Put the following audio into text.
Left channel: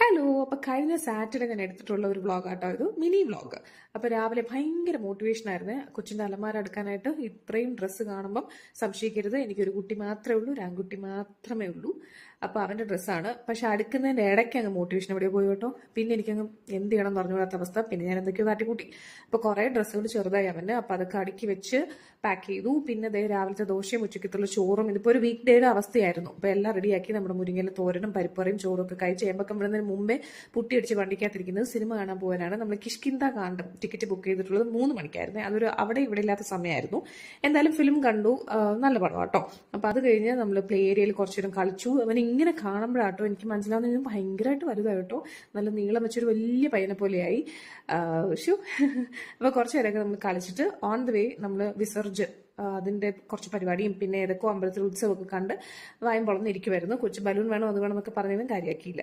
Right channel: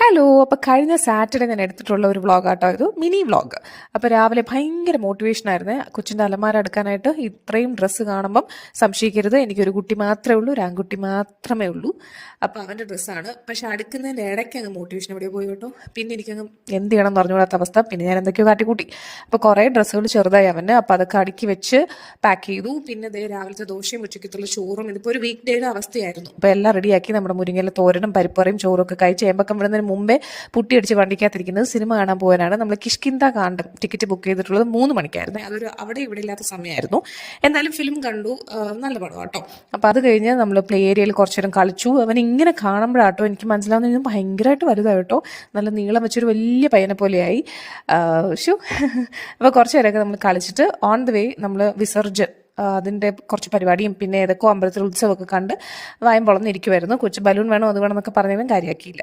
Hello. അപ്പോൾ കഴിഞ്ഞ Saturday ഞാൻ എടുത്തിട്ടുള്ള ഒരു വ്ളോഗാട്ടോ ഇത്, മിനി വ്ളോഗ്. അപ്പോൾ രാവിലെ ഭയങ്കര മോട്ടിവേഷനായിരുന്നു കൊച്ചിൻ്റെ അലമാര എടുക്കാനായിട്ട്. ഇത്രയും ഡ്രസ്സ് കാണുമ്പം സംശയിക്കരുത്, എനിക്കൊരു കുട്ടി മാത്രമേ ഉള്ളൂ, ഒരു ആൺകുട്ടി മാത്രമേ ഉള്ളൂ. അപ്പോൾ അവൻ്റെ ഡ്രസ്സാണ്. പക്ഷേ അടുക്കുന്നതിൻ്റെ ഇടയ്ക്ക് അങ്ങ് മോട്ടിവേഷൻ എവിടെ പോയി കേട്ടോ. പിന്നെ എനിക്കങ്ങ് എന്ത് ചെയ്യണം എന്ന് പറഞ്ഞുകൂടാത്ത അവസ്ഥ. പിന്നെ ഞാൻ എന്തൊക്കെയോ കാട്ടിക്കൂട്ടി. അപ്പോൾ കുറേ ഡ്രസ്സുകൾ ചെറുതായി അവന്. അപ്പോൾ അതൊക്കെ അടുക്കി വെച്ച് പാക്ക് ചെയ്തു. പിന്നെ ദേ രാവിലത്തെ ദോശയും ഉച്ചക്കത്തുള്ള ചോറും, ഇതിപ്പോൾ ഒരു വീക്ക് ഡേയുടെ അവസ്ഥയായിരുന്നു. അപ്പോൾ എല്ലാം റെഡിയാക്കി നമ്മുടെ മുരിങ്ങയിലെ തോരനും പരിപ്പറയും ചോറും ഒക്കെ കഴിച്ച് ഏമ്പക്കം വിടുന്നതിന് മുമ്പേ പുട്ടിയടിച്ച് വണ്ടിക്കകത്തിരിക്കുന്നത് സിനിമ കാണാൻ പോകാനാണ്. നമ്മൾ കിഷ്കിന്ത കാണ്ടം ടിക്കറ്റ് ബുക്ക് ചെയ്തിട്ടുള്ളത് 3 മണിക്കായിരുന്നു. അതൊരു അവിടെ ഇവിടെ ഇല്ലാത്ത സമയമായിരുന്നു. എന്തായാലും ഫിലിം കണ്ടു, നല്ല പടം കേട്ടോ. അപ്പോൾ അത് കഴിഞ്ഞ് നമ്മൾ പ്ലേ ഏരിയയിൽ കുറച്ചു നേരം കളിച്ചു. അവൻ ഇങ്ങനെ കാണുമ്പോഴാട്ടോ എനിക്ക് മനസ്സിലാവുന്നത് ഭയങ്കരമായിട്ട് വലുതാണ് കേട്ടോ. നല്ല നീളം വെച്ചൊരു വലിയ പയ്യനെ പോലെയായി. അപ്പോൾ കുറച്ച് നേരമൊക്കെ നമ്മൾ കളിച്ചിട്ട് ഓൺ ദ വേ നമ്മൾ വിസർജൻ അതിൻ്റെ കുറച്ച് പരിപാടിയും പിന്നെ ഏതൊക്കെ അമ്പലത്തിൽ ഉത്സവമൊക്കെ കണ്ട് വായം പൊളന്നിരിക്കുമായിരുന്നു. കൊച്ചു ബലൂൺ വേണോ അത് വേണമെന്നൊക്കെ പറഞ്ഞതും കാര്യമാക്കിയില്ല.